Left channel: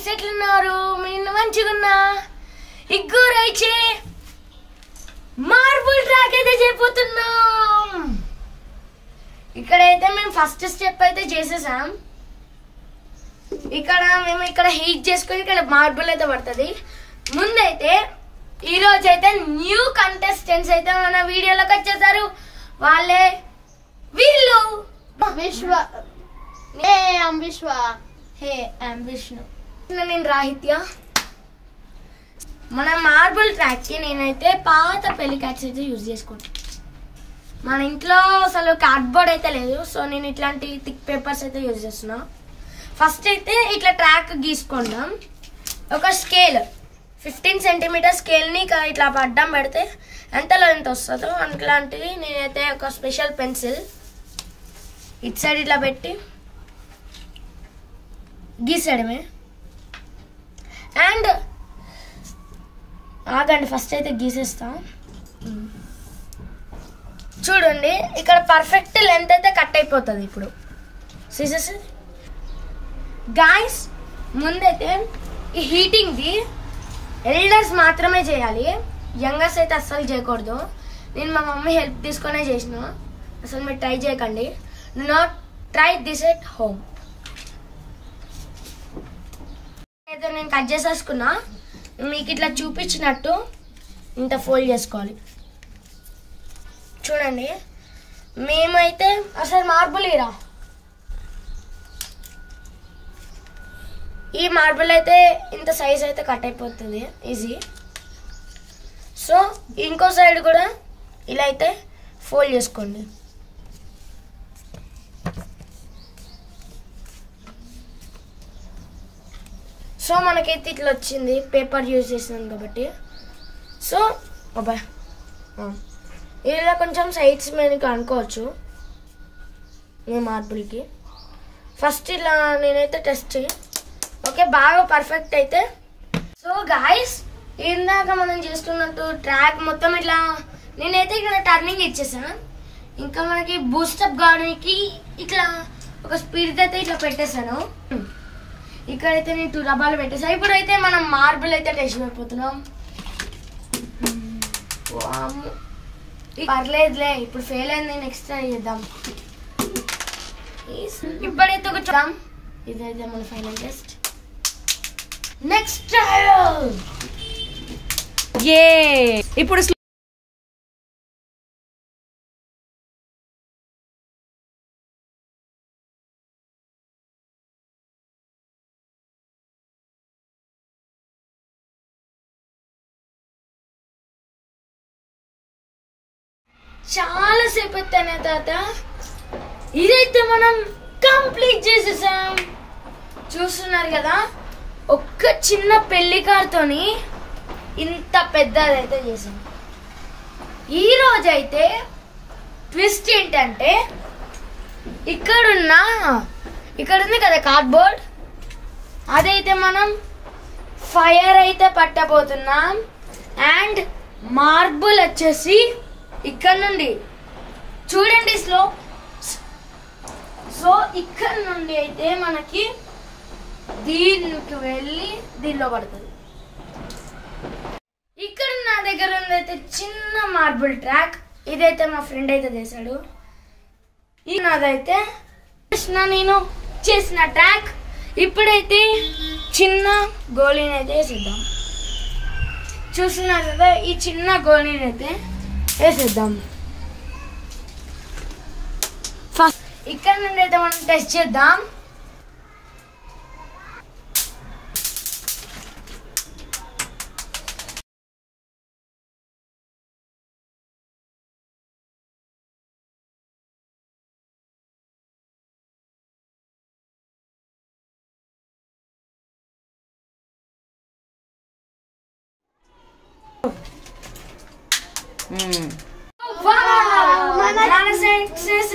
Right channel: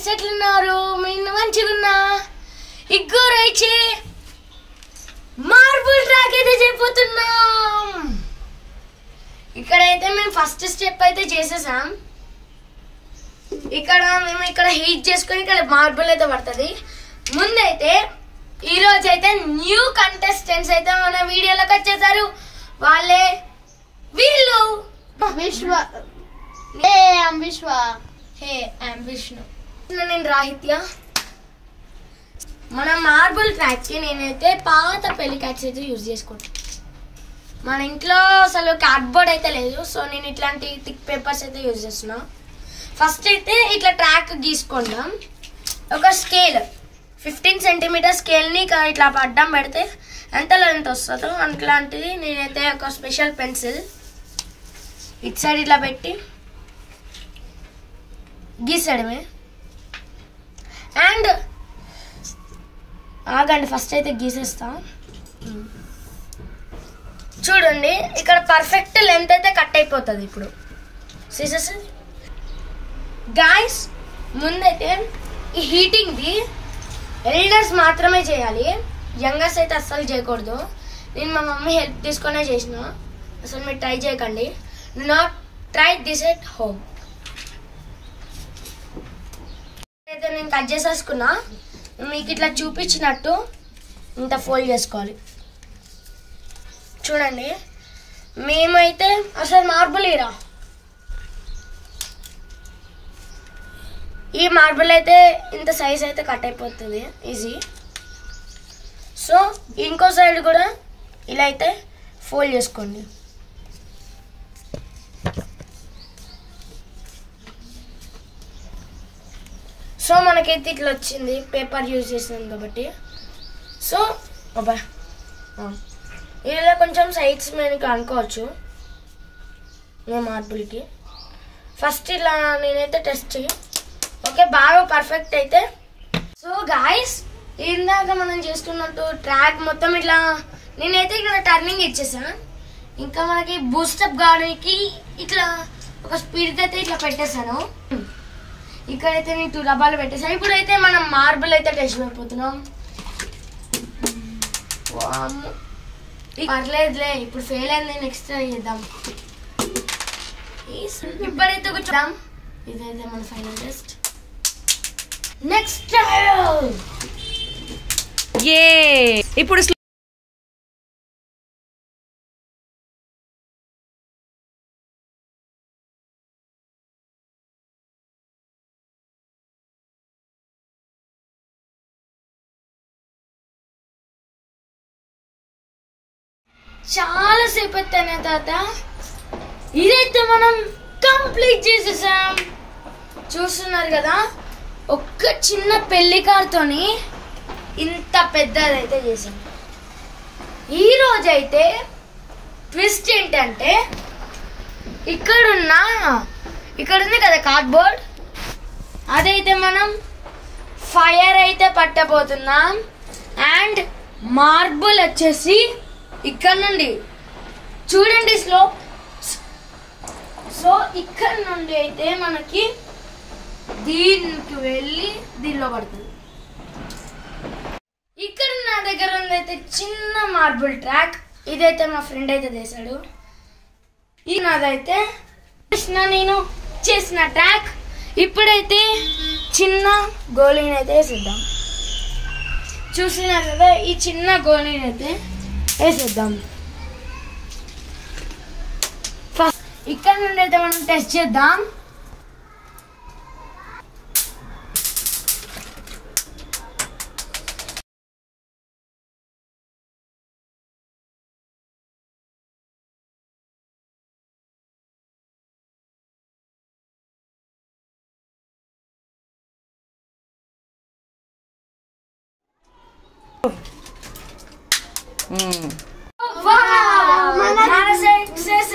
Guys, ఎట్లున్నారు? మీరు మంచిగున్నా? ఇగ్గరైతే marble track అయితే చేయబోతున్నాం. ఇక్కడైతే మేము ఫస్ట్ స్టెప్ అయితే చేసేసాం. మేము ఇక్కడ హీట్ చేసుకొని ఇక్కడ మార్బుల్ అయితే పడుతుంది. ముందైతే ఈ రోజు అయితే న్యూ కంటెస్టెంట్స్ అయితే మన వీడియోలోకి వచ్చేసారు. వాళ్ళే వీళ్ళు. విశ్వ. విశ్వ. Hey I'm Vishnu. నేను రాహిత్య. మన మార్బుల్ ట్రాక్ కి నేనైతే పాత పెళ్లి క్యాట్స్ అయితే యూజ్ చేసుకుంటాను. మన ఇంట్లో అసలు కార్డ్బోర్డ్ అయితే లేదు, సో నేను ఇట్లాంటి థిక్ పేపర్స్ అయితే యూజ్ చేస్తున్నా. ఫస్ట్ అయితే ఇట్లా ట్రాక్ గీసుకుందాం. ఒక స్కేల్ 15 సెంటీమీటర్ స్కేల్ని ఇట్లా అడ్డం పెడితే ఎంత లెంత్ వస్తుందో అట్లాంటిది నేనైతే ఒక స్పెషల్ పెన్సిల్ ఇటు సైడ్ ఇట్లా పెట్టి గీసేయడమే. అండ్ ఆగండి, ఫస్ట్ అయితే గీసేస్తాం. చూడండి, ఇక్కడ పర్ఫెక్ట్ లెంత్ అయితే కట్ అయిపోతుంది. ఇప్పుడు సీసెస్ గాయ్స్, ముందైతే ఈ హీటింగ్ది ఎల్డర్స్ మాత్రమే చేయాలి, యంగర్స్ అయితే అస్సలు చేయకూడదు. నేను మా మమ్మీ హెల్ప్ తీసుకునే చేసిన. అసలు మీరు ట్రై చేయకండి. Do not try this at home. అయితే నేను కట్ చేసేసుకున్నా. మీకు ఇట్లా చూపించినట్టు ఇంత ఫోల్డ్ చేసుకోవాలి. చూడండి, మేమైతే అసలు మార్బుల్ ఈ మార్బుల్ అయితే ఇంత సైజ్ అయితే కట్ అయిపోతుంది ఈజీ. సో ఇంకో సైడ్ కూడా ఇలా అయితే ఫోల్డ్ చేసుకోండి. సో మనకైతే ఇట్లా వచ్చింది, పేపర్ యూజ్ చేసినాం కాబట్టి. సో అబ్బా, ఇలా కొంచెం సైడ్స్ మీద అనుకోవచ్చు మేము మార్బుల్కి. ఫస్ట్ ఇలా నేనైతే టెస్ట్ చేయి. ఓకే, బాగా పర్ఫెక్ట్ అయితే. సో గాయస్, ఇందాక మనం చేసుకున్నట్టు ట్రాక్ మొత్తం ఇట్లా నేనైతే ఇక్కడ టర్నింగ్ ఇచ్చేసా. ఇంకా మనకి బూస్టప్ గానికి ఇట్లా ఒక స్పీడ్ అయితే ఇట్లా పెట్టేశాను. ఇక్కడైతే నేను 2 డబ్బాలు పెట్టేసా. ఇప్పుడైతే మనం మార్బుల్ అయితే టెస్ట్ అయిపోతున్నాం. పర్లేదులే, ఇప్పుడు ఫెయిల్ అయింది, నెక్స్ట్ ట్రై చేద్దాం. ఇప్పుడైతే ఒక చూద్దాం. ఇదైతే మన ఫైనల్ టెస్ట్. Next trial. ఇప్పుడు చాలా సేపు ఎత్తానే తాత. ఇదైతే మనం కంప్లీట్ చేసేసాం. చూస్తున్నారు కదా, ఒక్క చిన్న పెళ్లి కార్తోని ఇంత పెద్దదైతే చేసాం. ఈ రోజైతే ట్విస్ట్ ఏంటంటే ఇక్కడ ఉంది కదా కార్డ్బోర్డ్, అదైతే మనం ఫైర్ అయితే పట్టబోతున్నాం. అండ్ మార్బుల్ వచ్చేసి ఇక్కడ నుండి చూడండి స్లోప్. సో ఇక్కడ నుండి అయితే మనకి దీనికి వెళ్ళి దీనిలో పడుతుంది. ఇక్కడ నా దగ్గర ఉందైతే చిన్న మార్బుల్ ట్రాక్. ఇదైతే మా ఫ్రెండ్ అయితే చేశాడు. ఇది నాదైతే నేను చేసిన ట్రాక్. ఇప్పుడైతే చిన్న గోళీని అయితే వేసేద్దాం. చూస్తున్నారు కదా, ఈ చిన్న గోళీని అయితే వేసేద్దాం. ఫస్ట్ ఇక్కడ నుండి అయితే మనం టెస్ట్ చేద్దాం. మన సక్సెస్